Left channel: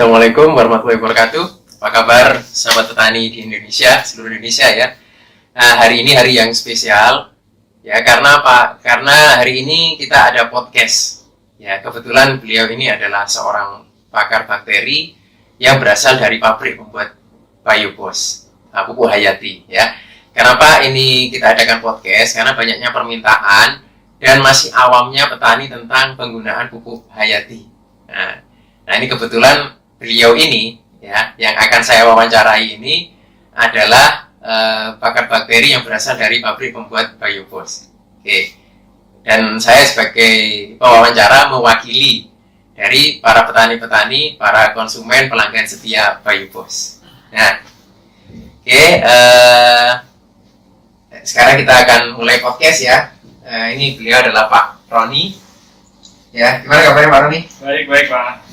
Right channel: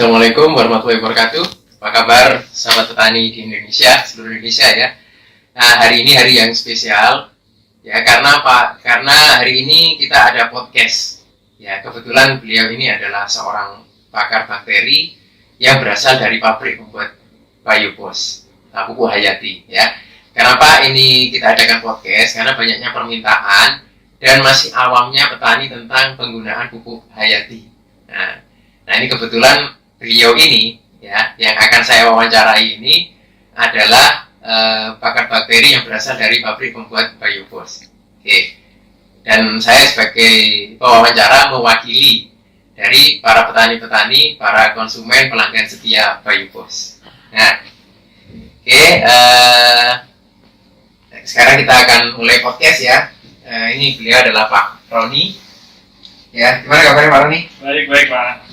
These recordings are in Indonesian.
Assalamualaikum warahmatullahi wabarakatuh. Apa kabar sahabat petani di Indonesia, seluruh Indonesia ya. Nah, hari ini hari yang spesial ya, karena apa? Karena hari ini kita ada podcast. Ya, kebetulan beliau ini adalah seorang pakar bakteri yang berasal dari pabrik pembuat Biobos, Pupuk Hayati ya. Kenapa ini kita adakan podcast? Karena banyaknya permintaan dan masih awamnya petani tentang penggunaan pupuk Hayati. Nah, ini kebetulan beliau ini ya yang akan saya wawancarai ini adalah pakar bakteri yang berasal dari pabrik pembuat Biobos. Oke. Dan saya sebagai pewawancara mewakili dari para petani-petani, para konsumen pelanggan setia Biobos. Nah, oke. Sekarang kita akan mulai podcast ya. Ini beliau adalah Pak Roni. Ya, gimana kabarnya Pak Roni? Baik Pak.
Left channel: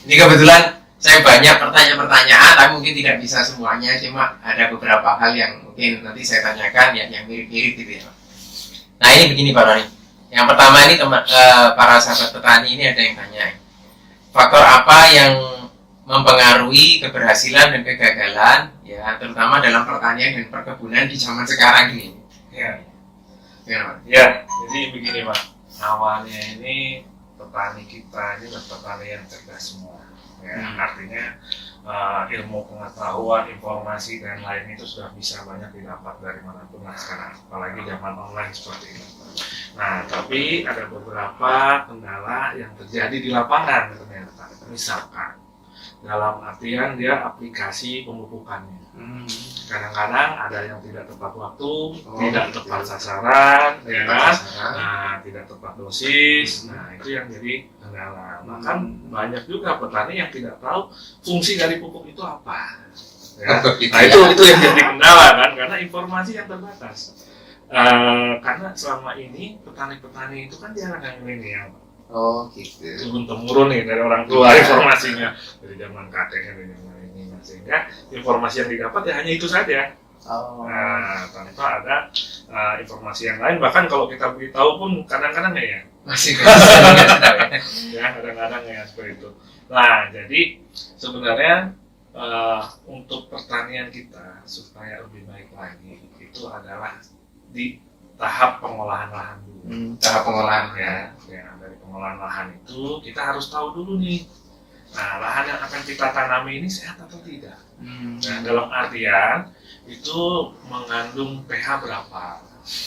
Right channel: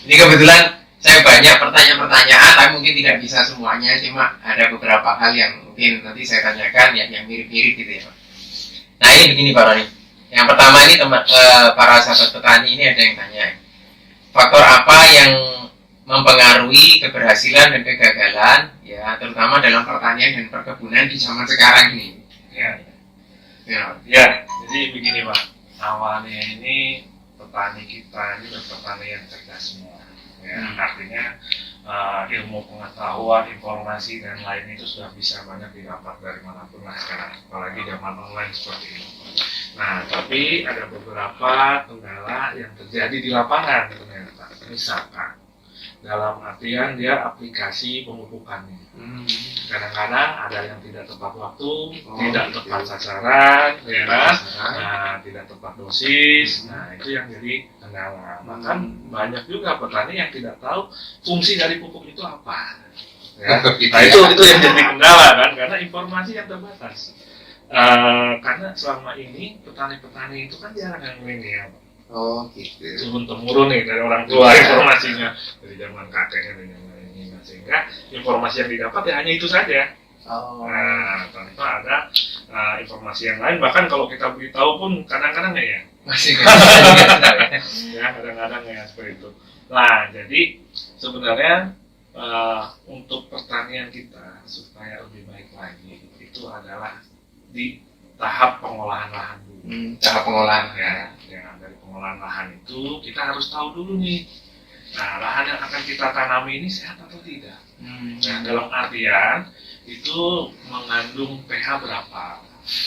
Ini kebetulan saya banyak pertanyaan-pertanyaan, tapi mungkin tidak bisa semuanya, cuma ada beberapa hal yang mungkin nanti saya tanyakan yang mirip-mirip gitu ya. Nah ini begini Pak Roni. Yang pertama ini para sahabat petani ini ada yang tanya, faktor apa yang mempengaruhi keberhasilan dan kegagalan ya, terutama dalam pertanian dan perkebunan di zaman sekarang ini? Ya, jadi begini Pak. Awalnya ini petani kita ini petani yang cerdas semua ya. Artinya ilmu pengetahuan, informasi dan lain itu sudah bisa banyak didapat dari manapun lah sekarang, apalagi zaman online seperti ini. Nah, tapi ada beberapa kendala yang terjadi di lapangan ternyata. Misalkan dalam artian dia aplikasi pemupukannya. Kadang-kadang ada yang tidak tepat waktu, tidak tepat sasaran, ya kan? Nah, tidak tepat dosis. Nah, itu yang jadi kendala. Bahkan banyak juga petani yang tidak tahu fungsi dari pupuk itu apa. Ya. Nah, itu yang jadi kendala kan, karena informasi yang terbatas. Karena selama ini petani-petani itu kan jarang yang milenial. Oh gitu. Turun-temurun nih dari orang tua informasinya, dari zaman kakeknya, dari zaman ini, sehingga informasi yang didapat ya hanya itu saja. Nah, tanpa ada informasi yang lain. Bahkan kalau kita beritahu pun kadang-kadang ya masih ya kadang-kadang ya seperti itu. Nah, jadi sebenarnya untuk pertanian kita supaya lebih baik lagi itu adalah di tahap pengolahan lahan dulu. Tahap pengolahan ya. Dari pengolahan lahan itu kita harus tahu dulu nih. Nah, lahan yang akan kita tanami ini sehat atau tidak. Nah, dalam artian itu mengandung pH berapa.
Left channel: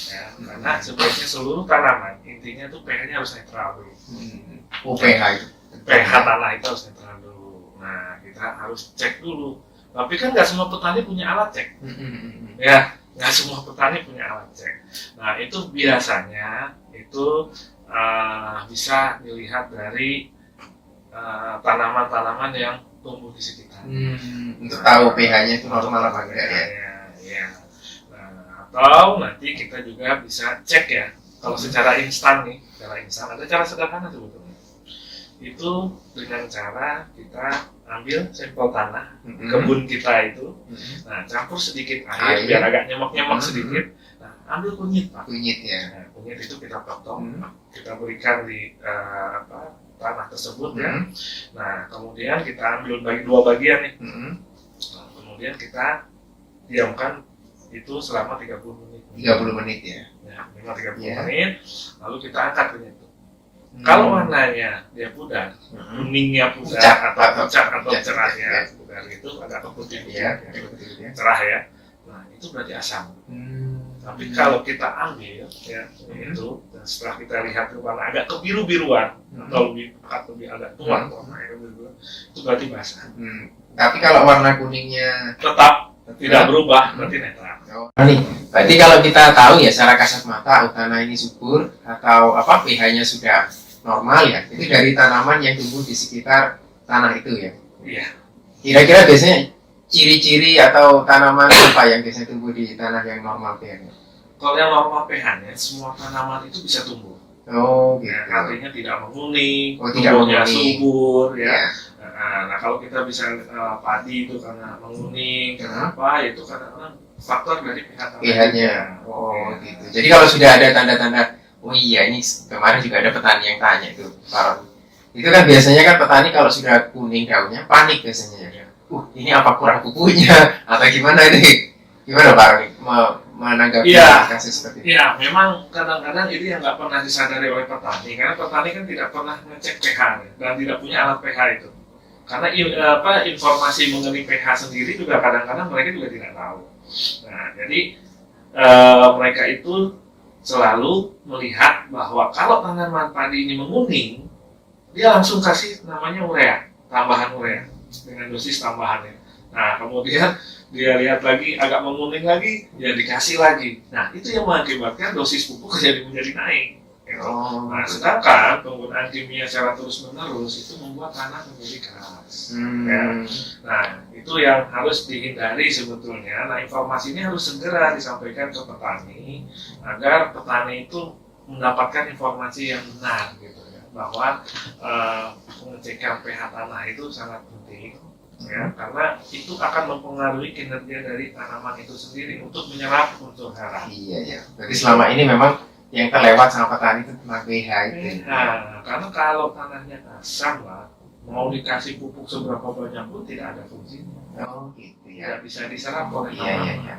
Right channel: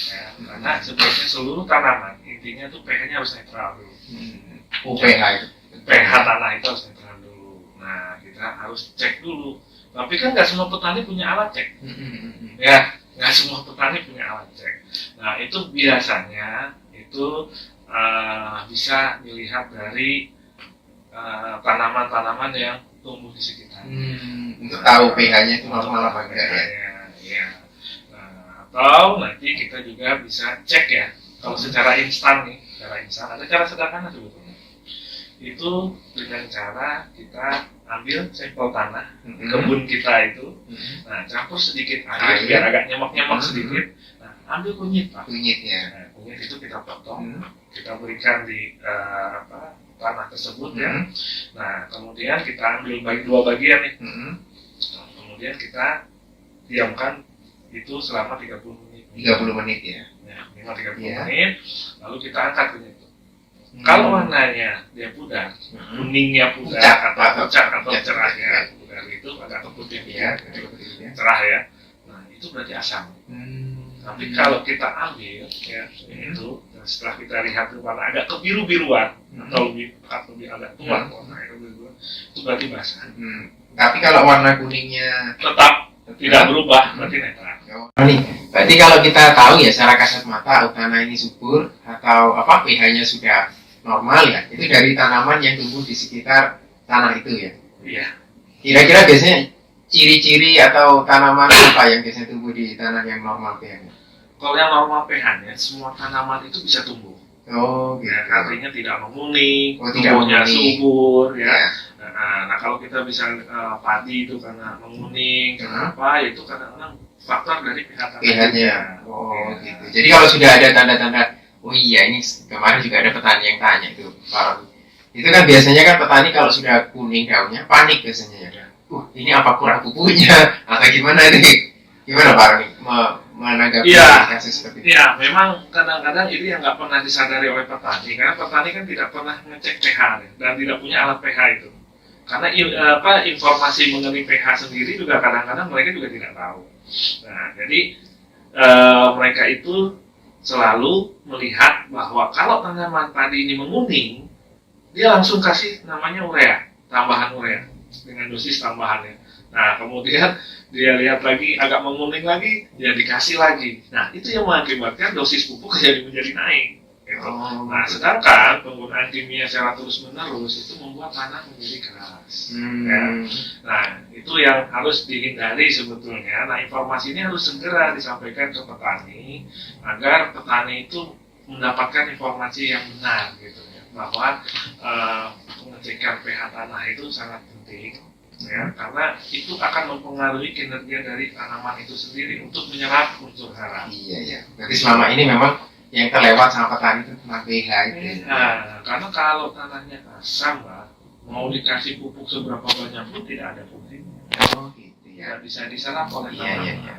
Ya, karena sebenarnya seluruh tanaman intinya tuh pH-nya harus netral dulu. pH itu. pH tanah itu harus netral dulu. Nah, kita harus cek dulu. Tapi kan nggak semua petani punya alat cek. Ya, nggak semua petani punya alat cek. Nah, itu biasanya itu bisa dilihat dari tanaman-tanaman yang tumbuh di sekitar. Untuk tahu pH-nya itu normal apa enggak ya? Ya. Nah, atau nanti kita juga bisa cek ya. Kalau secara instan nih, ada cara sederhana sebetulnya. Itu dengan cara kita ambil sampel tanah kebun kita itu, nah campur sedikit air biar agak nyemak-nyemak sedikit. Nah, ambil kunyit Pak. Kunyit ya. Nah, kunyit itu kita potong, kita berikan di tanah tersebut ya. Nah, kemudian kita ambil dua bagian nih. Nah, kemudian kita diamkan itu selama 30 menit. 30 menit ya. Minimal 30 menit. Lalu kita angkat kunyit itu. Kalau warnanya dia pudar, kuningnya pudar atau pucat atau cerah ya, pudar itu agak keputih ya, cerah ya. Nah, itu berarti asam. Tapi kalau kita ambil ya itu, dan setelah kita lihat warna agak kebiru-biruan atau lebih agak tua warnanya kebiru-biruan, itu berarti basah. Tapi kalau warna kuningnya tetap tidak berubah, berarti netral. Nih, berarti kalau kita tahu ya secara kasat mata tanah ini subur atau pH-nya sudah normal ya, itu dari tanaman yang tumbuh di sekitar tanah itu ya. Iya. Kira-kira biasanya ciri-ciri atau tanaman apa yang biasanya tumbuh di tanah yang normal pH-nya? Kalau yang normal pH-nya, semua tanaman itu bisa tumbuh. Oh, gitu. Ya, artinya tidak menguning, tidak tumbuhnya menguning. subur ya. Ya. Nah, kalau kita bisa padi itu karena menguning, kenapa? Itu kadang-kadang faktor dari pH-nya. Oh, gitu. Jadi kalau sudah ada tanda-tanda, oh iya ini kemarin juga ada petani yang tanya itu, Pak Ron. Itu kan biasanya kan petani kalau sudah kuning daunnya panik biasanya ya. Ini apa kurang pupuknya atau gimana ini? Gimana Pak Roni menanggapi kasus seperti itu? Iya, memang kadang-kadang ini yang nggak pernah disadari oleh petani, karena petani kan tidak pernah ngecek pH dan tidak punya alat pH itu. Karena informasi mengenai pH sendiri juga kadang-kadang mereka juga tidak tahu. Nah, jadi mereka itu selalu melihat bahwa kalau tanaman padi ini menguning, dia langsung kasih namanya urea, tambahan urea dengan dosis tambahannya. Nah, kemudian dia lihat lagi agak menguning lagi, ya dikasih lagi. Nah, itu yang mengakibatkan dosis pupuk menjadi naik. Gitu. Nah, sedangkan penggunaan kimia secara terus-menerus itu membuat tanah menjadi keras. Ya. Nah, itu yang harus dihindari sebetulnya. Nah, informasi ini harus segera disampaikan ke petani agar petani itu mendapatkan informasi yang benar, gitu ya. Bahwa pengecekan pH tanah itu sangat penting. Ya, karena itu akan mempengaruhi kinerja dari tanaman itu sendiri untuk menyerap unsur hara. Iya ya. Jadi selama ini memang yang terlewat sama petani itu tentang pH itu. Nah, karena kalau tanahnya asam lah, mau dikasih pupuk seberapa banyak pun tidak ada fungsinya. Oh gitu Tidak ya. bisa diserap oleh tanaman. Iya.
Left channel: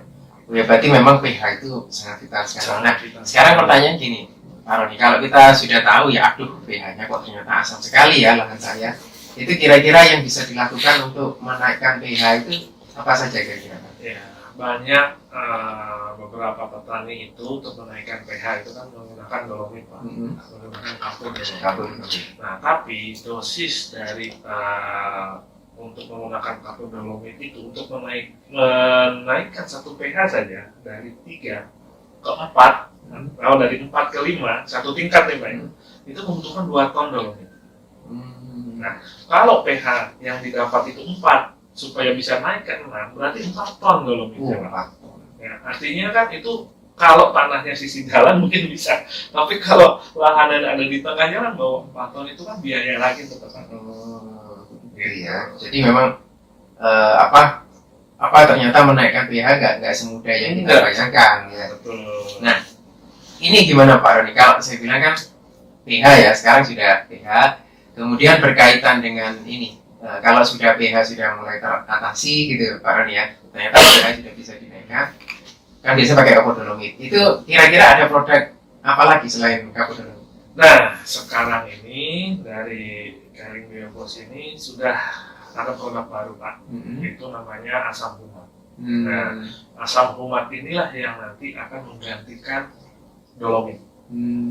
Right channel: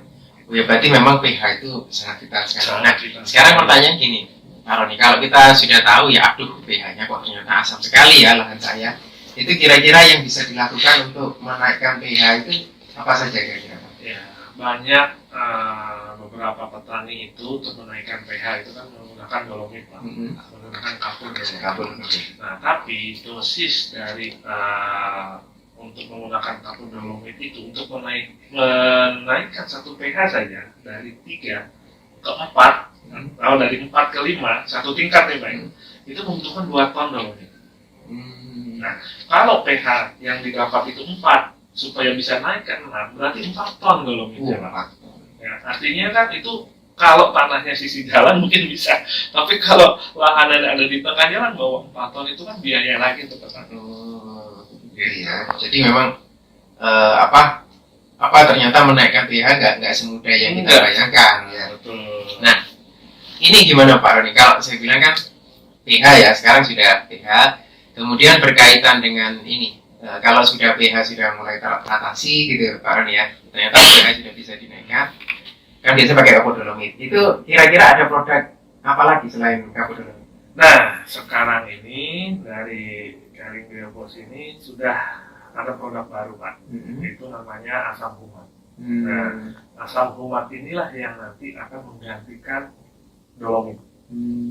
Ya berarti memang pH itu sangat vital sekali. Nah, sekarang pertanyaan gini, Pak Roni, kalau kita sudah tahu ya, aduh pH-nya kok ternyata asam sekali ya lahan saya. Itu kira-kira yang bisa dilakukan untuk menaikkan pH itu apa saja kira-kira? Ya, banyak beberapa petani itu untuk menaikkan pH itu kan menggunakan dolomit, Pak. Menggunakan kapur. Nah, tapi dosis dari untuk menggunakan kapur dolomit itu untuk menaikkan satu pH saja dari 3 ke 4, atau dari 4 ke 5, satu tingkat ya Pak, itu membutuhkan 2 ton dolomit. Nah, kalau pH yang didapat itu 4, supaya bisa naik ke 6, berarti 4 ton dolomitnya, Pak. Ya, artinya kan itu kalau tanahnya sisi jalan mungkin bisa, tapi kalau lahan yang ada di tengah jalan bawa 4 ton itu kan biaya lagi untuk petani. Iya. Jadi memang ternyata menaikkan pH nggak semudah yang kita bayangkan. Ya. Betul. Nah, ini gimana Pak Roni? Kalau saya bilang kan pH ya, sekarang sudah pH. Kemudian berkaitan dengan ini, kalau sudah pH sudah mulai teratasi gitu Pak Roni ya, ternyata pH sudah bisa dinaikkan, kan biasanya pakai kapur dolomit. Itu kira-kira ada produk apa lagi selain kapur dolomit? Nah, sekarang ini dari Kaling Biobos ini sudah ada produk baru Pak, itu namanya asam humat. Nah, asam humat inilah yang nanti akan menggantikan dolomit.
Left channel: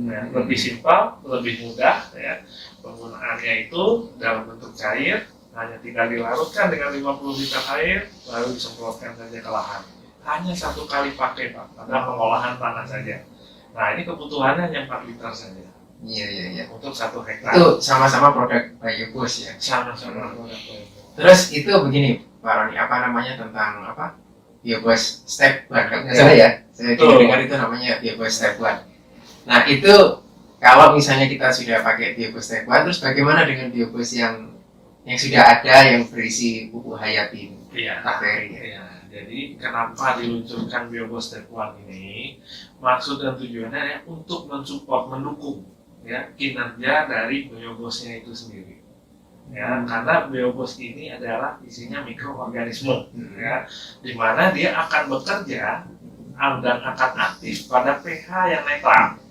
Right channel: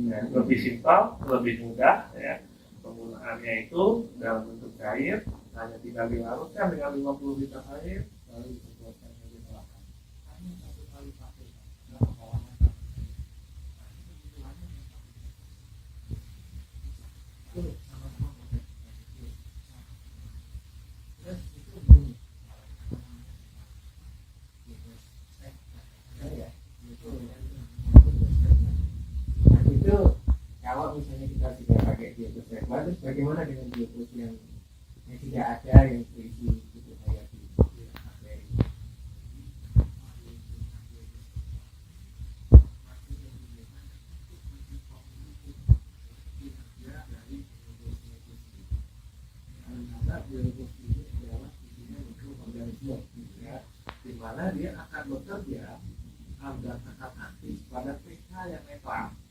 Ya, lebih simpel, lebih mudah ya. Penggunaannya itu dalam bentuk cair, hanya tinggal dilarutkan dengan 50 liter air, lalu disemprotkan saja ke lahan. Hanya 1 kali pakai Pak, pada pengolahan tanah saja. Nah, ini kebutuhannya hanya 4 liter saja. Iya. Untuk 1 hektar. Itu sama-sama produk Biobos ya? Sama-sama produk Biobos. Terus itu begini Pak Roni, apa namanya tentang Biobos Step 1, kalau nggak salah ya? Saya dengar itu namanya Biobos Step 1. Nah itu kalau misalnya kita sudah pakai Biobos Step 1, terus bagaimana dengan Biobos yang sudah ada yang berisi pupuk hayati bakteri? Iya. Jadi kenapa diluncurkan Biobos Step 1 ini? Maksud dan tujuannya ya untuk mensupport, mendukung ya kinerja dari biobosnya itu sendiri. Ya, karena biobos ini adalah isinya mikroorganisme, ya, di mana dia akan bekerja dan akan aktif pada pH yang netral.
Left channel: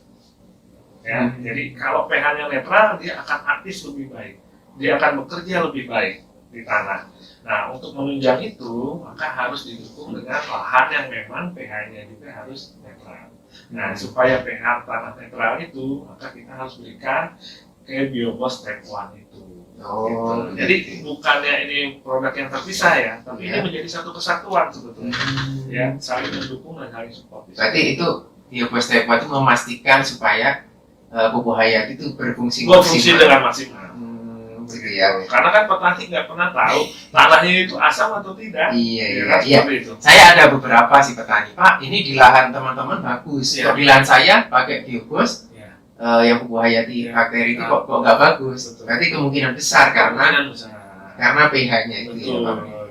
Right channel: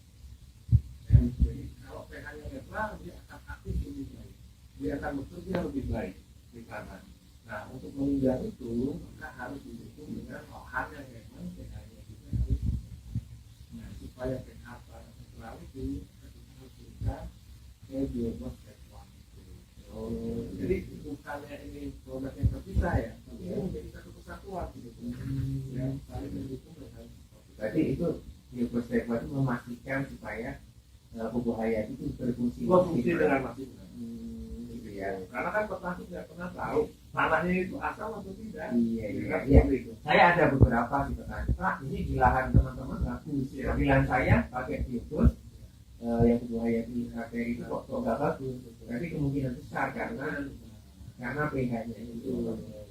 Ya, jadi kalau pH-nya netral, dia akan aktif lebih baik, dia akan bekerja lebih baik di tanah. Nah, untuk menunjang itu, maka harus didukung dengan lahan yang memang pH-nya juga harus netral. Nah, supaya pH tanah netral itu, maka kita harus berikan ke Biobos Step 1 itu. Gitu. Jadi bukannya ini produk yang terpisah ya, tapi ini menjadi satu kesatuan sebetulnya. Ya, saling mendukung dan saling support. Berarti itu Biobos Step 1 itu memastikan supaya pupuk hayati itu berfungsi dengan maksimal. Gitu ya. Karena kan petani nggak pernah tahu tanahnya itu asam atau tidak. Iya. Saya ada beberapa sih petani, Pak. Ini di lahan teman-teman bagus. Kalau di lahan saya pakai Biobos, yang pupuk hayati bakteri itu kok nggak bagus. Berarti kemungkinan besar karena pH-nya itu.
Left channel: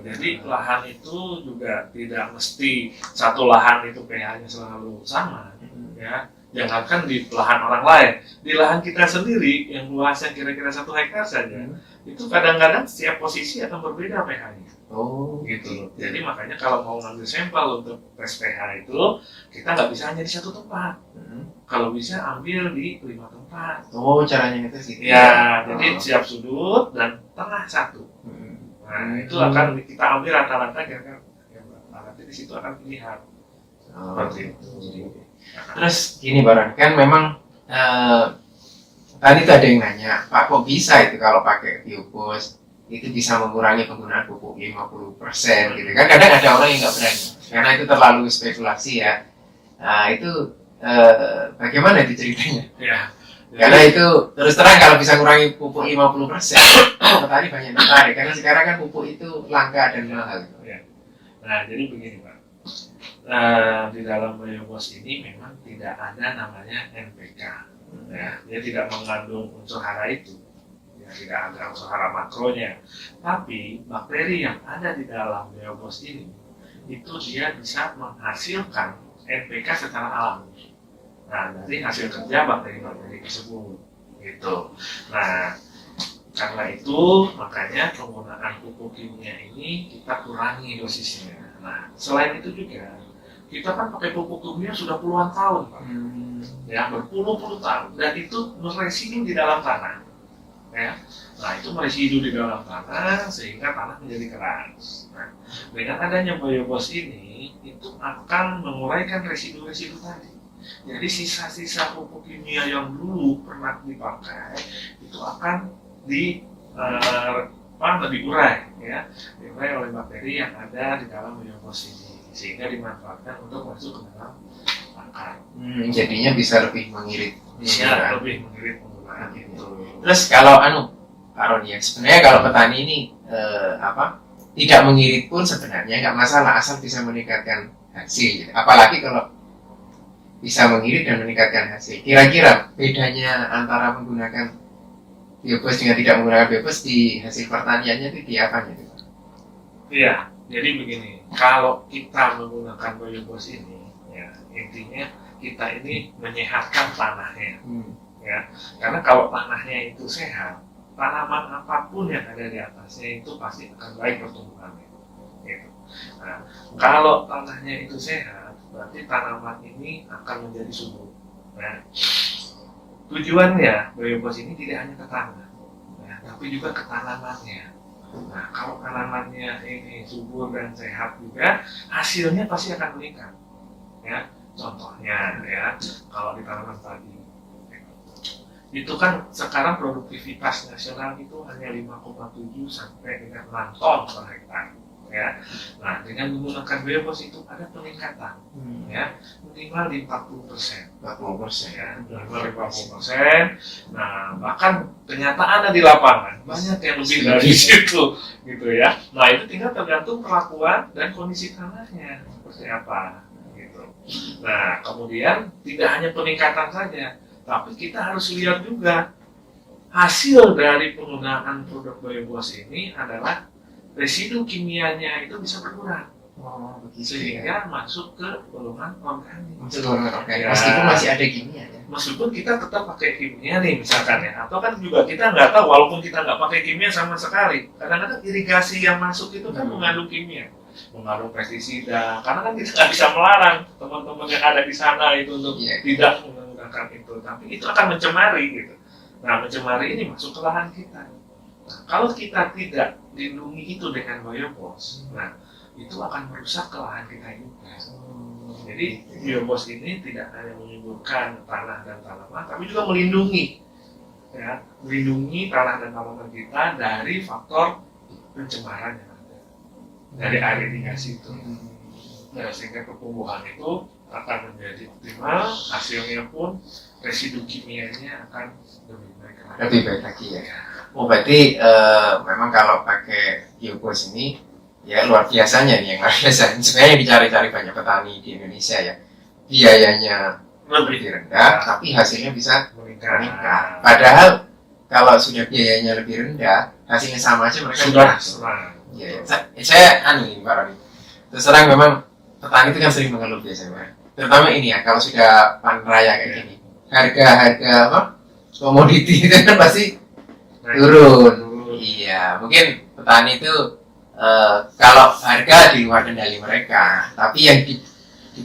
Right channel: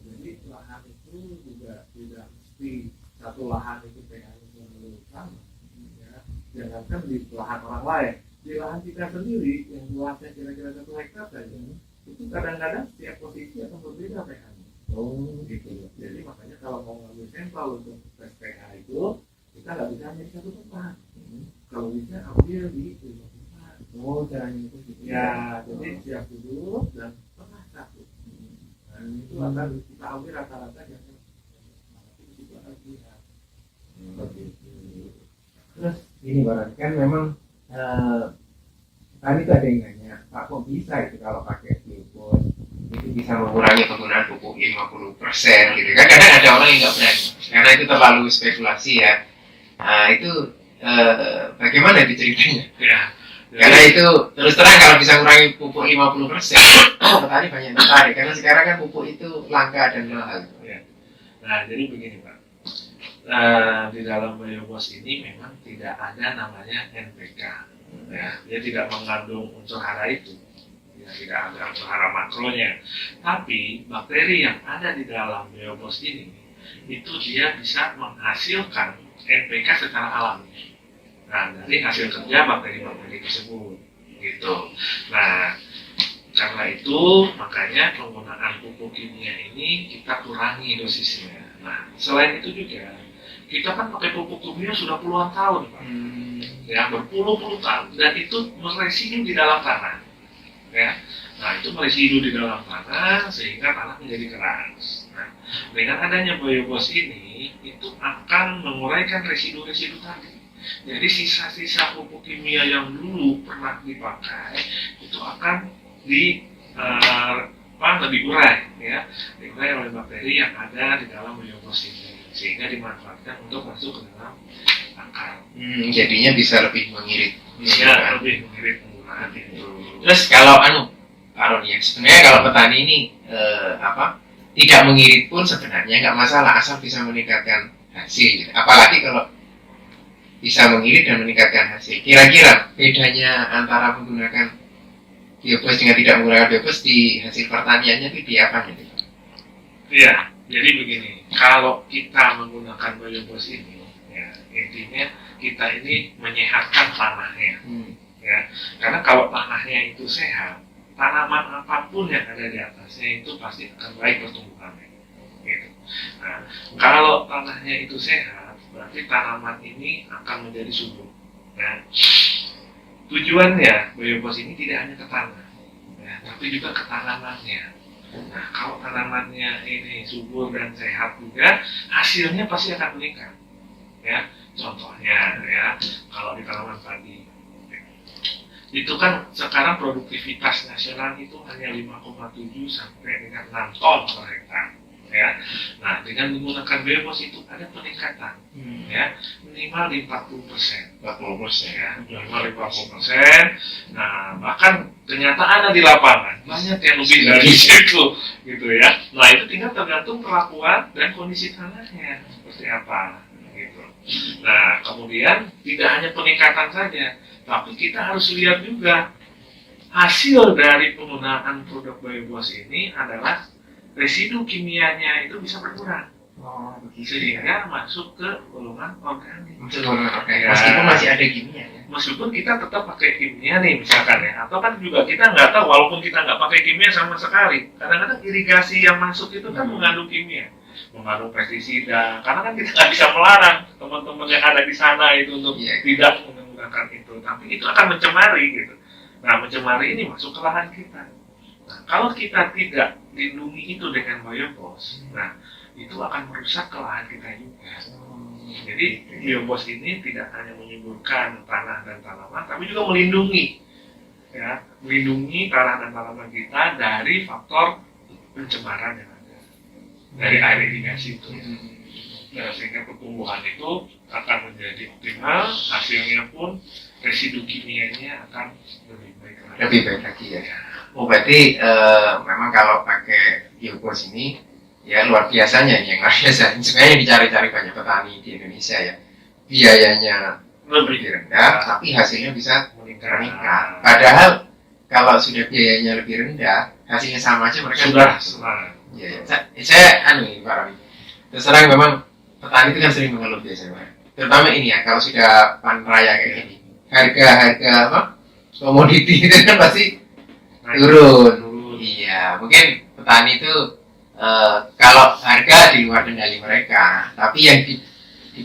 Jadi lahan itu juga tidak mesti satu lahan itu pH-nya selalu sama, ya. Jangankan di lahan orang lain, di lahan kita sendiri yang luasnya kira-kira 1 hektar saja, itu kadang-kadang setiap posisi akan berbeda pH-nya. Oh, Gitu. Jadi makanya kalau mau ngambil sampel untuk tes pH itu, kita nggak bisa hanya di 1 tempat. Kalau bisa ambil di 5 tempat. Oh, caranya itu sih. Ya, jadi setiap sudut dan tengah 1. Nah, itu akan kita ambil rata-rata kira-kira. Nanti di situ akan dilihat. Seperti itu. Terus gini Baron, kan memang tadi tuh ada yang nanya, Pak kok bisa itu kalau pakai biopos itu bisa mengurangi penggunaan pupuk 50% gitu kan? Kadang ada orang yang nggak berani, karena itu terlalu spekulasi ya. Nah itu bagaimana itu ceritanya? Ya. Karena itu terus terang kalau bisa mengurangi pupuk 50%, petani banyak tertarik karena sekarang kan pupuk itu langka dan mahal. Nah, jadi begini Pak. Di dalam biobos ini memang tidak ada namanya NPK. Ya, dia tidak mengandung unsur hara itu. Ya, tidak ada unsur hara makronya. Tapi bakteri yang ada di dalam biobos ini itu dia bisa menghasilkan NPK secara alami. Nah, dari hasil kerja bakteri-bakteri tersebut, gitu. Nah, karena itu makanya penggunaan pupuk kimia ini kita kurangi dosisnya. Nah, selain itu juga kita kan pakai pupuk kimia sudah puluhan tahun, Pak. Ya, berpuluh-puluh tahun dan itu meresidu di dalam tanah. Ya. Nah, itu meresidu di dalam tanah sehingga tanah menjadi keras. Nah, dengan adanya biobos ini itu akan menguraikan residu-residu tadi. Jadi sisa-sisa pupuk kimia yang dulu pernah dipakai itu akan diurai, ya, diurai oleh bakteri yang ada di dalam biobos ini, sehingga dimanfaatkan untuk masuk ke dalam akar. Jadinya bisa lebih mengirit. Bisa lebih mengirit penggunaan itu. Terus kalau Pak Roni, sebenarnya kalau petani ini tidak mengirit pun sebenarnya nggak masalah asal bisa meningkatkan hasil. Gitu. Apalagi kalau bisa mengirit dan meningkatkan hasil. Kira-kira bedanya antara menggunakan biobos dengan tidak menggunakan biobos di hasil pertaniannya itu di apanya? Iya, jadi begini. Kalau kita menggunakan biobos ini, ya, intinya kita ini menyehatkan tanahnya. Ya, karena kalau tanahnya itu sehat, tanaman apapun yang ada di atasnya itu pasti akan baik pertumbuhannya. Gitu. Nah, kalau tanahnya itu sehat, berarti tanaman ini akan menjadi subur. Nah, tujuannya biobos ini tidak hanya ke tanah, ya, tapi juga ke tanamannya. Nah, kalau tanamannya ini subur dan sehat juga, hasilnya pasti akan meningkat. Ya, contohnya ya, kalau di tanaman padi, itu kan sekarang produktivitas nasional itu hanya 5,7 sampai dengan 6 ton per hektar. Ya, nah dengan menggunakan biobos itu ada peningkatan, ya, minimal di 40%, 40%, ya, minimal 40%. Nah, bahkan kenyataannya di lapangan banyak yang lebih dari situ, gitu ya. Nah, itu tinggal tergantung perlakuan dan kondisi tanahnya seperti apa, gitu. Nah, kemudian tidak hanya peningkatan saja, tapi kita harus lihat juga hasil dari penggunaan produk biobos ini adalah residu kimianya itu bisa berkurang. Oh, begitu. Sehingga masuk ke golongan organik. Ya. Meskipun masih ada kimia ya. Meskipun kita tetap pakai kimia nih misalkan ya, atau kan juga kita nggak tahu walaupun kita nggak pakai kimia sama sekali. Kadang-kadang irigasi yang masuk itu kan mengandung kimia, mengandung pestisida. Karena kan kita nggak bisa melarang teman-teman yang ada di sana itu untuk tidak menggunakan itu, tapi itu akan mencemari gitu. Nah, mencemari ini masuk ke lahan kita. Nah, kalau kita tidak lindungi itu dengan biobos, nah itu akan merusak ke lahan kita juga. Jadi biobos ini tidak hanya menyuburkan tanah dan tanaman, tapi juga melindungi, ya, melindungi tanah dan tanaman kita dari faktor pencemaran yang ada dari air irigasi itu. Ya, sehingga pertumbuhan itu akan menjadi optimal, hasilnya pun residu kimianya akan lebih baik lagi. Lebih baik lagi ya. Oh, berarti memang kalau pakai biobos ini ya luar biasanya nih, yang luar biasa. Sebenarnya dicari-cari banyak petani di Indonesia ya. Biayanya lebih rendah, tapi hasilnya bisa meningkat. Padahal kalau sudah biayanya lebih rendah, hasilnya sama aja mereka sudah. Ya, saya ini Pak Roni. Terus terang memang petani itu kan sering mengeluh biasanya, Pak. terutama ini ya, kalau sudah panen raya kayak gini, harga apa komoditi itu kan pasti turun. Iya, mungkin petani itu kalau harga di luar kendali mereka, tapi yang di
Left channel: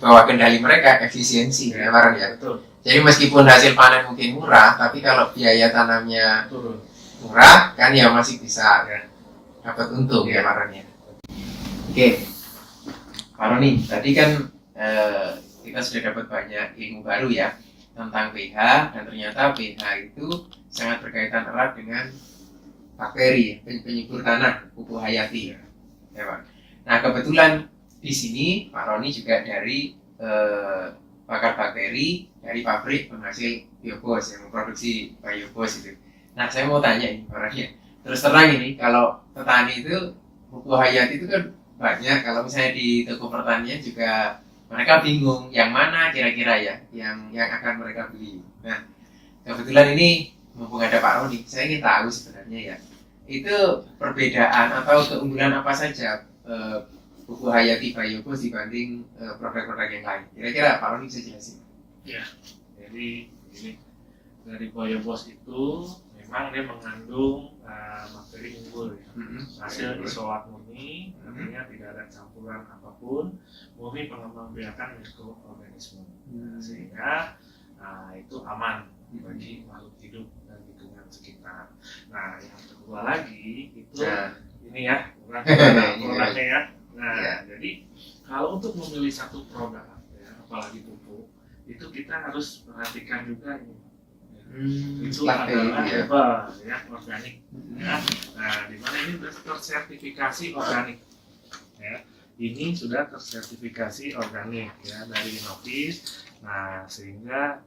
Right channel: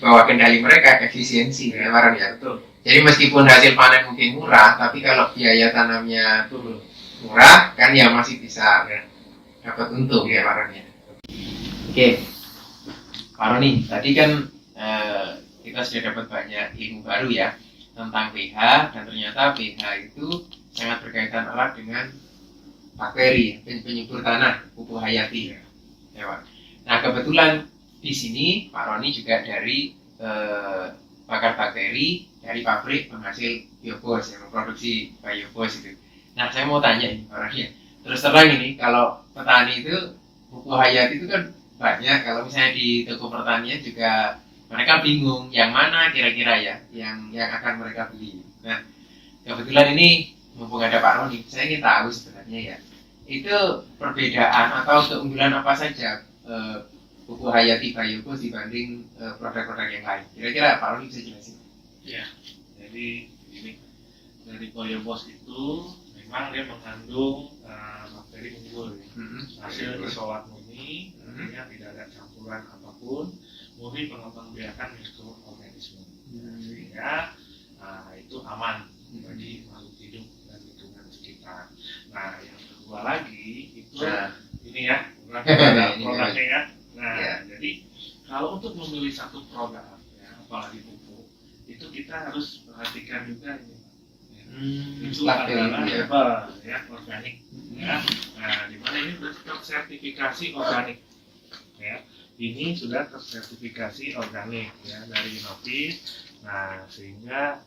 bawah kendali mereka efisiensi, ya Baron ya. Betul. Jadi meskipun hasil panen mungkin murah, tapi kalau biaya tanamnya murah, kan ya masih bisa dapat untung ya Baron ya. Oke, Pak Roni, tadi kan kita sudah dapat banyak ilmu baru ya tentang pH, dan ternyata pH itu sangat berkaitan erat dengan bakteri, penyubur tanah, pupuk hayati ya Pak. Nah kebetulan di sini Pak Roni juga dari pakar bakteri dari pabrik penghasil biobos yang memproduksi biobos itu. Nah saya mau tanya ini Pak Roni ya, terus terang ini kalau petani itu pupuk hayati itu kan banyak, kalau misalnya di toko pertanian juga mereka bingung yang mana kira-kira ya yang akan mereka beli. Nah kebetulan ini mumpung ada Pak Roni, saya ingin tahu sebenarnya ya itu perbedaan atau keunggulan apa saja pupuk hayati biobos dibanding produk-produk yang lain. Kira-kira Pak Roni bisa jelasin? Ya, jadi ini dari biobos itu memang dia mengandung bakteri unggul ya. Hasil isolat murni, artinya tidak ada campuran apapun, murni pengembang biakan mikroorganisme, sehingga itu aman bagi makhluk hidup dan lingkungan sekitar. Nah, yang kedua lagi itu ini ya, produknya ya. Nah, jadi kalau untuk memilih satu produk, ya, apalagi pupuk, itu kita harus perhatikan juga ini. Itu adalah herbal ya, organik ya. Nah, di mana ini sudah tersertifikasi organik ya. Ini sudah tersertifikasi organik ya dari Inovis. Nah, sehingga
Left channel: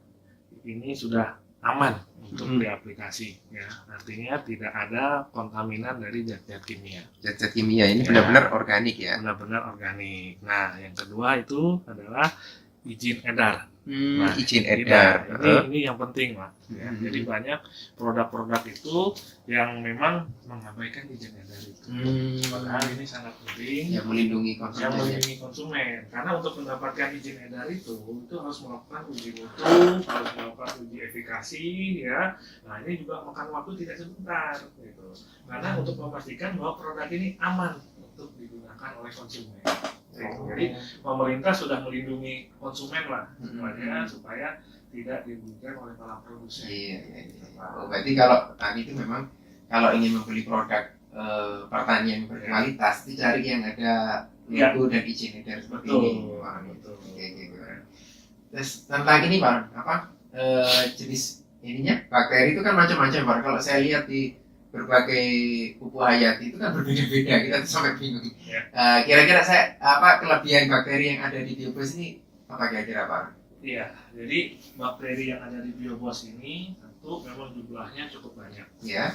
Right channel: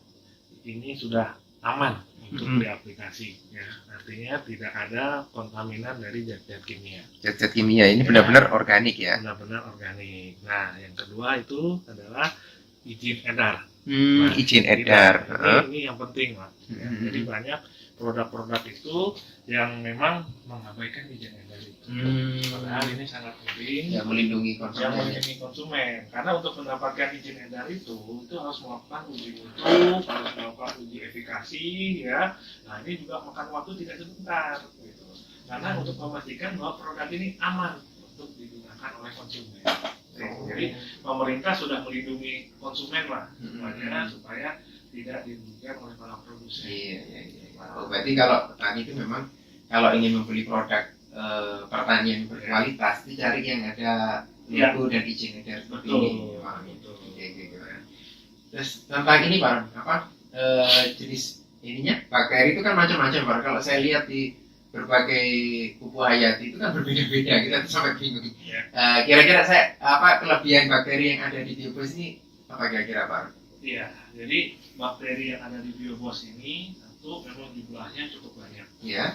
ini sudah aman untuk diaplikasi ya. Artinya tidak ada kontaminan dari zat-zat kimia. Zat-zat kimia ini benar-benar organik ya. Benar-benar organik. Nah, yang kedua itu adalah izin edar. Izin edar. Ini yang penting Pak. Ya, jadi banyak produk-produk itu yang memang mengabaikan izin edar itu. Padahal ini sangat penting. Yang melindungi konsumen. Karena untuk mendapatkan izin edar itu harus melakukan uji mutu, harus melakukan uji efikasi, ya. Nah ini juga makan waktu tidak sebentar, gitu. Karena untuk memastikan bahwa produk ini aman untuk digunakan oleh konsumen. Jadi pemerintah sudah melindungi konsumen lah, supaya tidak dirugikan oleh para produsen. Iya. Oh, berarti kalau petani itu memang kalau ingin membeli produk pertanian berkualitas, dicari yang ada logo dan izin edar seperti ini. Betul. Terus tentang ini Pak, jenis ininya bakteri itu kan macam-macam Pak. Kalau saya lihat di berbagai pupuk hayati itu kan berbeda-beda, kita sampai bingung. Kira-kira kelebihan bakteri yang ada di biobos ini apa kira-kira Pak? Iya, jadi bakteri yang ada di biobos ini tentu memang jumlahnya cukup banyak. Ya.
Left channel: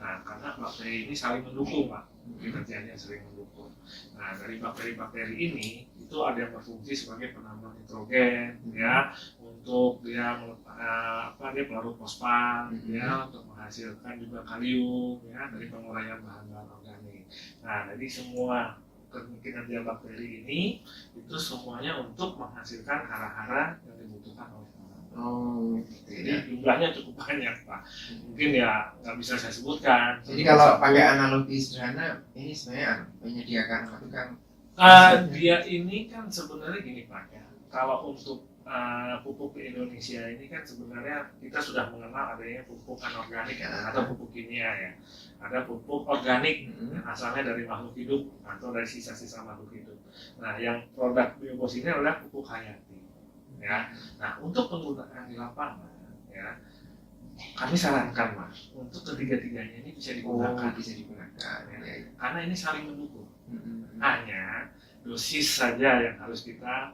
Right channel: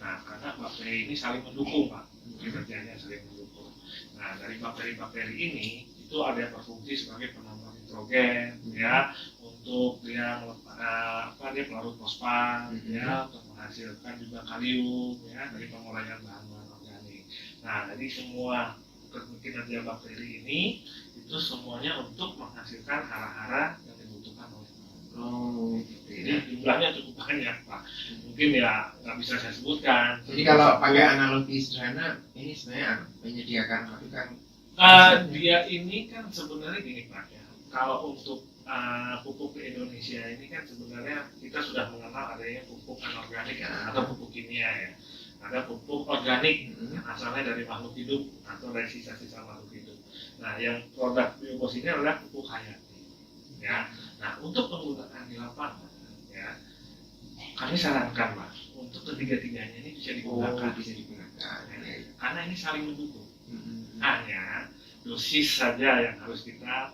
Nah, karena bakteri ini saling mendukung Pak, kinerjanya saling mendukung. Nah, dari bakteri-bakteri ini itu ada yang berfungsi sebagai penambah nitrogen, ya, untuk dia dia pelarut fosfat, ya, untuk menghasilkan juga kalium, ya, dari penguraian bahan-bahan organik. Nah, jadi semua kinerja bakteri ini itu semuanya untuk menghasilkan hara-hara yang dibutuhkan oleh tanaman. Jadi jumlahnya cukup banyak Pak. Mungkin ya nggak bisa saya sebutkan. Jadi kalau pakai analogi sederhana, ini sebenarnya menyediakan satu kan? Dia ini kan sebenarnya gini Pak ya. Kalau untuk pupuk di Indonesia ini kan sebenarnya kita sudah mengenal adanya pupuk anorganik atau pupuk kimia ya. Ada pupuk organik yang asalnya dari makhluk hidup atau dari sisa-sisa makhluk hidup. Nah, yang produk biobos ini adalah pupuk hayati. Ya. Nah, untuk penggunaan di lapangan, ya, kami sarankan Mas, untuk ketiga-tiganya ini bisa digunakan. Ya. Karena ini saling mendukung. Hanya dosis saja yang harus kita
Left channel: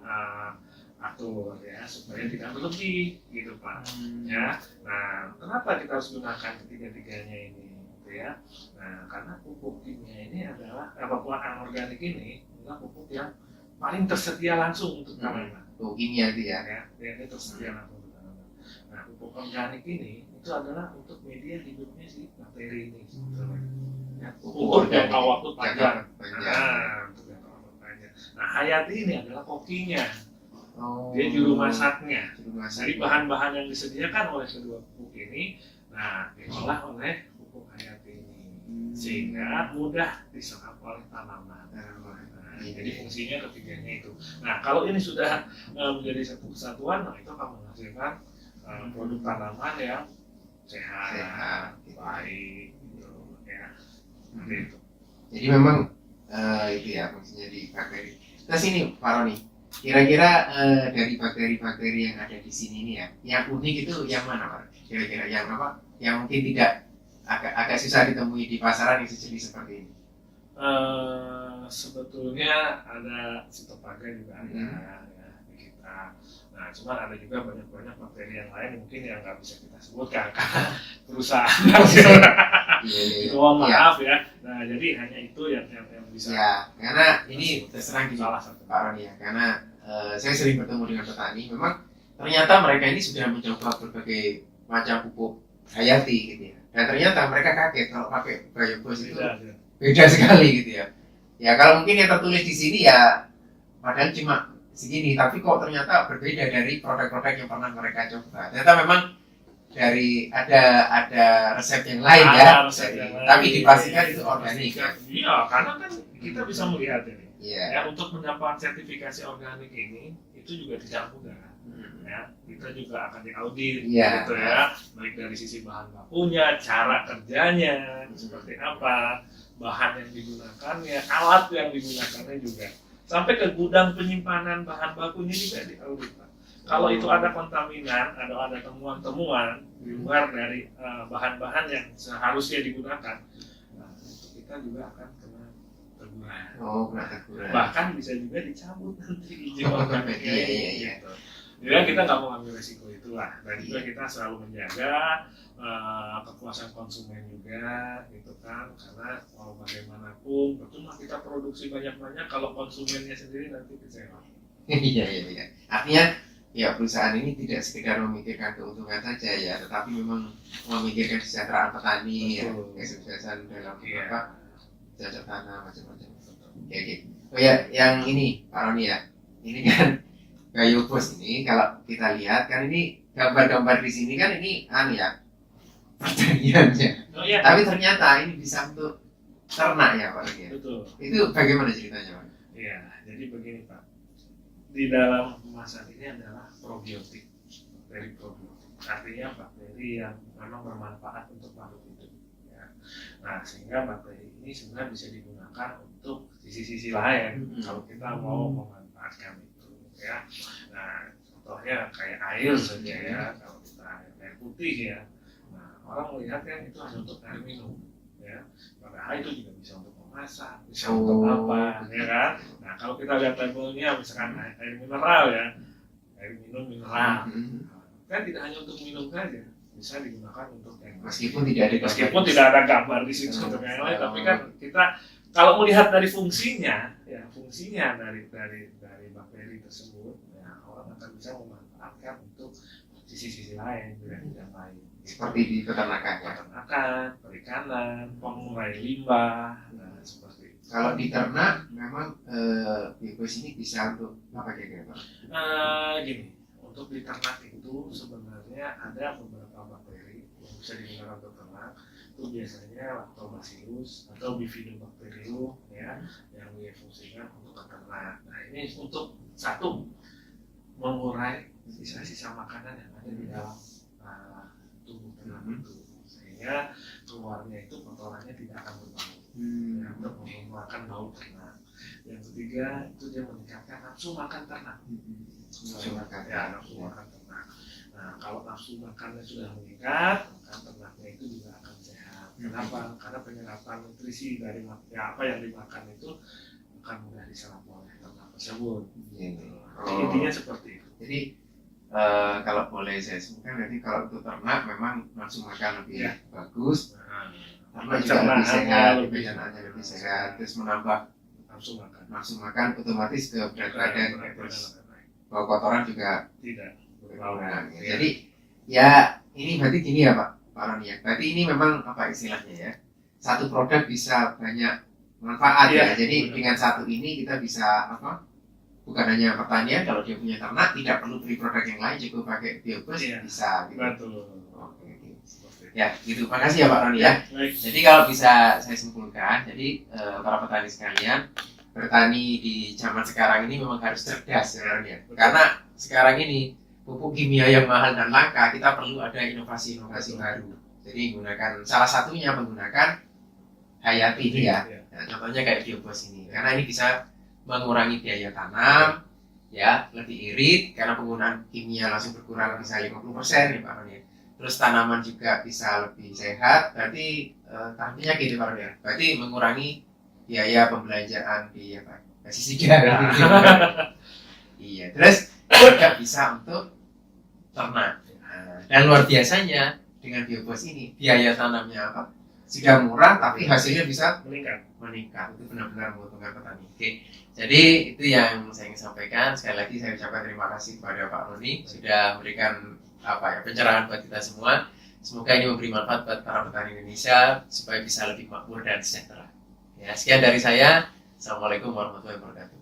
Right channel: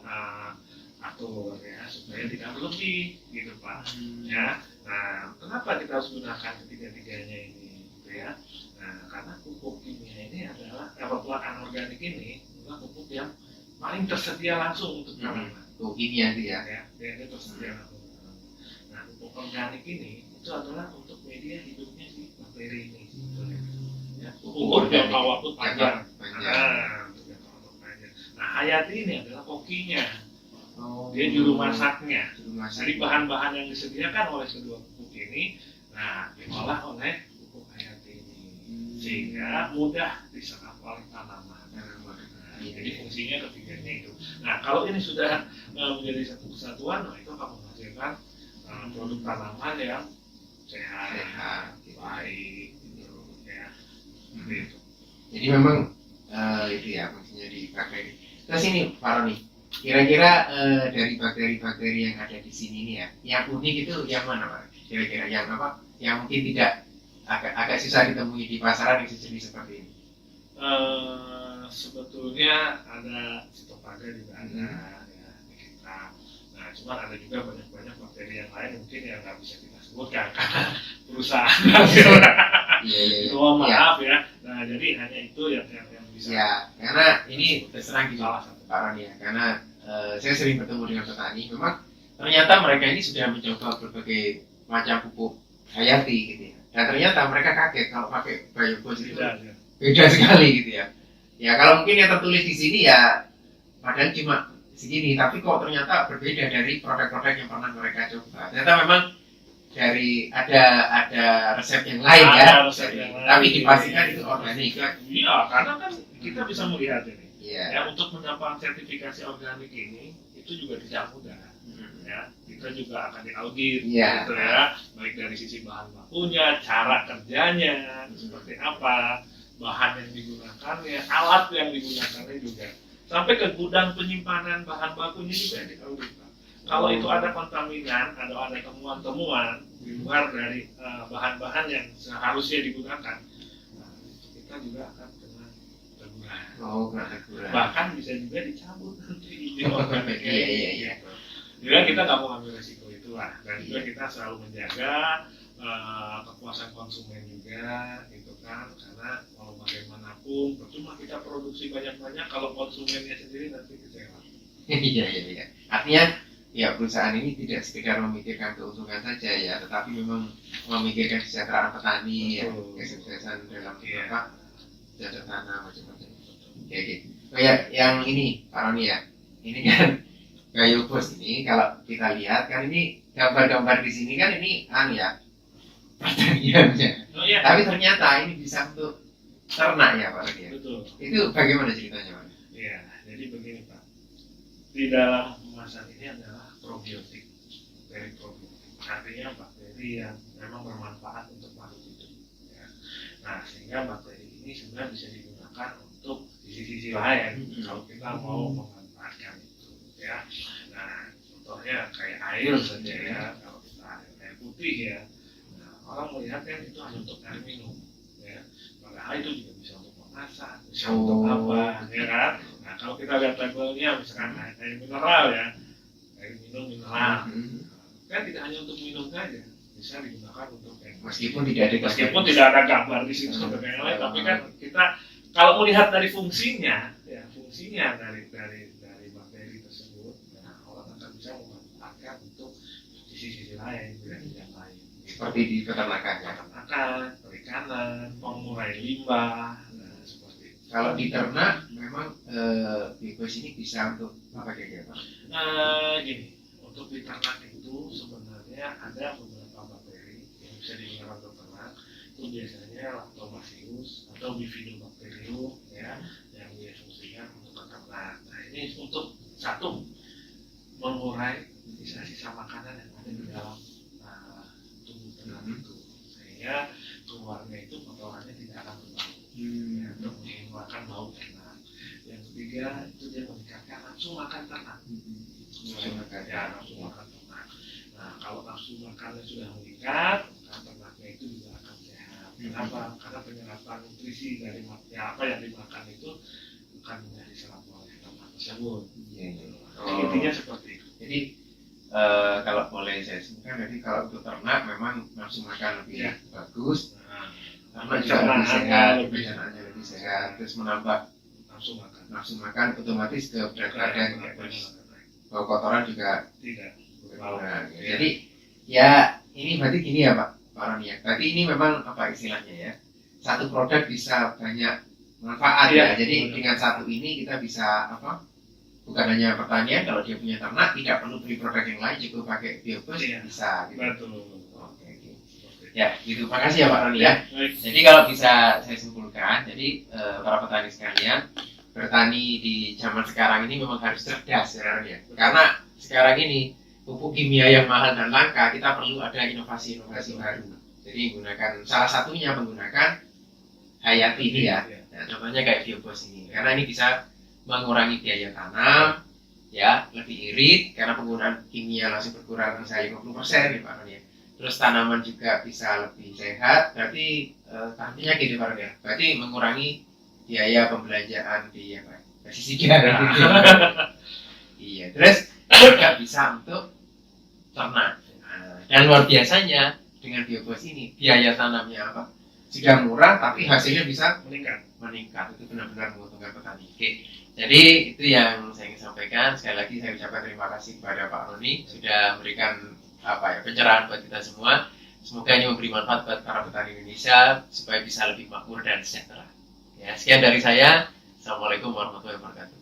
atur ya supaya tidak berlebih, gitu Pak. Ya. Nah, kenapa kita harus gunakan ketiga-tiganya ini? Ya. Nah, karena pupuk kimia ini adalah pupuk anorganik ini adalah pupuk yang paling tersedia langsung untuk tanaman. Pupuk kimia itu ya. Dia tersedia langsung untuk tanaman. Nah, pupuk organik ini itu adalah untuk media hidupnya si bakteri ini. Ya, pupuk jangka waktu panjang. Nah, untuk jangka waktu panjang. Nah, hayati ini adalah kokinya. Dia juru masaknya. masak. Jadi bahan-bahan yang disediakan oleh kedua pupuk ini, nah diolah oleh pupuk hayati ini, sehingga mudah diserap oleh tanaman. Jadi fungsinya ketiganya itu. Nah kalau ini sudah menjadi satu kesatuan, nah itu akan menghasilkan produk tanaman yang sehat, baik, gitu ya. Seperti itu. Jadi memang itu ya fungsinya di bakteri. Terus ini Pak Roni, kira-kira dari bakteri-bakteri yang ada di sini nih ya, yang unik itu yang mana Pak? Kira-kira yang apa? Yang mungkin tidak agak susah ditemui di pasaran yang sejenis seperti ini. Sebetulnya ada sitopaga juga ada ya di kita. Nah, cuman ada juga banyak bakteri yang lain mungkin yang nggak bisa kita sebutkan karena perusahaan. Iya. Mohon maaf ya. Nah, jadi hanya itu yang bisa. Ya, karena ini terserang gini salah satu. Pak Roni ya, karena saya sering bertemu dengan petani, memang ternyata mereka ini sudah mencoba berbagai macam pupuk hayati gitu ya. Dan ternyata mereka kaget kalau pakai biobos itu beda sekali gitu ya. Ya kalau mungkin yang tertulis di sini ya padahal cuma segini, tapi kok ternyata berbeda dari produk-produk yang pernah mereka coba. Ternyata memang dari ada resep yang lain tapi dipastikan itu organik ya. Iya, karena kan kita bisa melihat ini. Iya. Ya, untuk mendapatkan sertifikasi organik ini itu juga tidak mudah. Ya, kita juga akan diaudit gitu ya, baik dari sisi bahan bakunya, cara kerjanya seperti apa, bahan yang digunakannya, alat yang digunakannya juga, sampai ke gudang penyimpanan bahan bakunya juga diaudit. Kalau itu ada kontaminan, ada temuan-temuan di luar dari bahan-bahan yang seharusnya digunakan, nah, kita juga akan kena teguran. Bahkan bisa juga dicabut nanti izin organiknya. Iya. Jadi kita nggak mau ambil resiko itulah, dan juga kita selalu menjaga kepuasan konsumen juga, itu kan, karena mau bagaimanapun percuma kita produksi banyak-banyak kalau konsumennya sendiri nanti kecewa. Iya. Artinya ya perusahaan ini tidak sekedar memikirkan keuntungan saja ya, tetapi memang memikirkan kesejahteraan petani, ya, kesuksesan dalam cocok tanam macam-macam. Oke. Oh ya, yang ini Pak Roni ya, ini kan biobos ini kalau kita lihat kan ini gambar-gambar di sini kan ini pertaniannya. Tapi ternyata ini bisa untuk ternak ya Pak Roni. Betul. Itu bagaimana ceritanya Pak? Iya, jadi begini Pak. Di dalam kemasan ini adalah probiotik, bakteri probiotik. Artinya bakteri yang memang bermanfaat untuk makhluk hidup. Ya. Nah, sehingga bakteri ini sebenarnya bisa digunakan untuk sisi-sisi lain kalau kita mau memanfaatkan itu. Ya. Nah, contohnya kayak air saja ya, kalau kita air putih ya. Nah, orang melihat kan itu hanya untuk air minum. Ya. Padahal itu juga bisa untuk memasak, bisa untuk apa, ya kan? Nah, kalau kita lihat labelnya misalkan air mineral ya, air minum mineral, kan tidak hanya untuk minum saja, bisa digunakan untuk yang meskipun tidak ada gambar di situ untuk yang lain, tapi kan kita kalau melihat dari fungsinya, ya fungsinya dari bakteri tersebut, ya, orang akan bisa memanfaatkan untuk sisi-sisi lain, yang lain. Seperti di peternakan, perikanan, pengurai limbah, nah seperti itu. Kalau di ternak memang biobos ini bisa untuk apa kira-kira? Gini, untuk di ternak itu sebenarnya ada beberapa bakteri yang bisa digunakan untuk ternak. Itu biasanya Lactobacillus atau Bifidobacterium ya, yang difungsikan untuk ternak. Nah ini untuk satu mengurai sisa-sisa makanan yang ada di dalam tubuh ternak itu, sehingga keluarnya itu kotorannya tidak akan berbau, ya, untuk menghilangkan bau ternak. Yang ketiga itu dia meningkatkan nafsu makan ternak. Nafsu makan ternak. Nah kalau nafsu makannya sudah meningkat, maka ternaknya itu juga akan sehat. Kenapa? Karena penyerapan nutrisi dari apa yang dimakan itu akan mudah diserap oleh ternak tersebut. Intinya seperti itu. Jadi kalau boleh saya sebutkan, jadi kalau untuk ternak memang nafsu makan lebih bagus, ternak juga lebih sehat, pencernaan lebih sehat, terus menambah nafsu makan otomatis ke berat badan, terus bau kotoran juga tidak berkurang. Jadi ya ini berarti gini ya Pak Roni ya, berarti ini memang apa istilahnya ya, satu produk bisa banyak manfaat ya. Jadi dengan satu ini kita bisa bukan hanya pertanian, kalau dia punya ternak tidak perlu beli produk yang lain, cukup pakai biobus bisa gitu. Betul. Oke. Ya gitu, makasih ya Pak Roni ya. Baik. Jadi kalau bisa saya simpulkan, jadi para petani sekalian, bertani di zaman sekarang ini memang harus cerdas sebenarnya. Karena sekarang ini pupuk kimia yang mahal dan langka, kita perlu ada inovasi-inovasi baru. Jadi menggunakan, salah satunya menggunakan hayati ini ya. Nah, contohnya kayak biobos ini, karena ini bisa mengurangi biaya tanam, ya lebih irit karena penggunaan kimia langsung berkurang bisa 50% ya Pak Roni. Terus tanaman juga bisa lebih sehat, berarti artinya gitu Pak Roni. Berarti mengurangi biaya pembelanjaan di pestisida. Iya, terus juga bisa untuk ternak. Nah, dan luar biasanya dengan biobos ini biaya tanamnya apa? Sudah murah tapi hasilnya bisa meningkat. Itu benar-benar menguntungkan petani. Oke. Jadi itu yang saya ingin sampaikan. Sekali lagi saya ucapkan terima kasih kepada Pak Roni sudah memberikan pencerahan buat kita semua. Semoga ini memberi manfaat buat para petani Indonesia supaya bisa lebih makmur dan sejahtera. Ya, sekian dari saya. Assalamualaikum warahmatullahi wabarakatuh.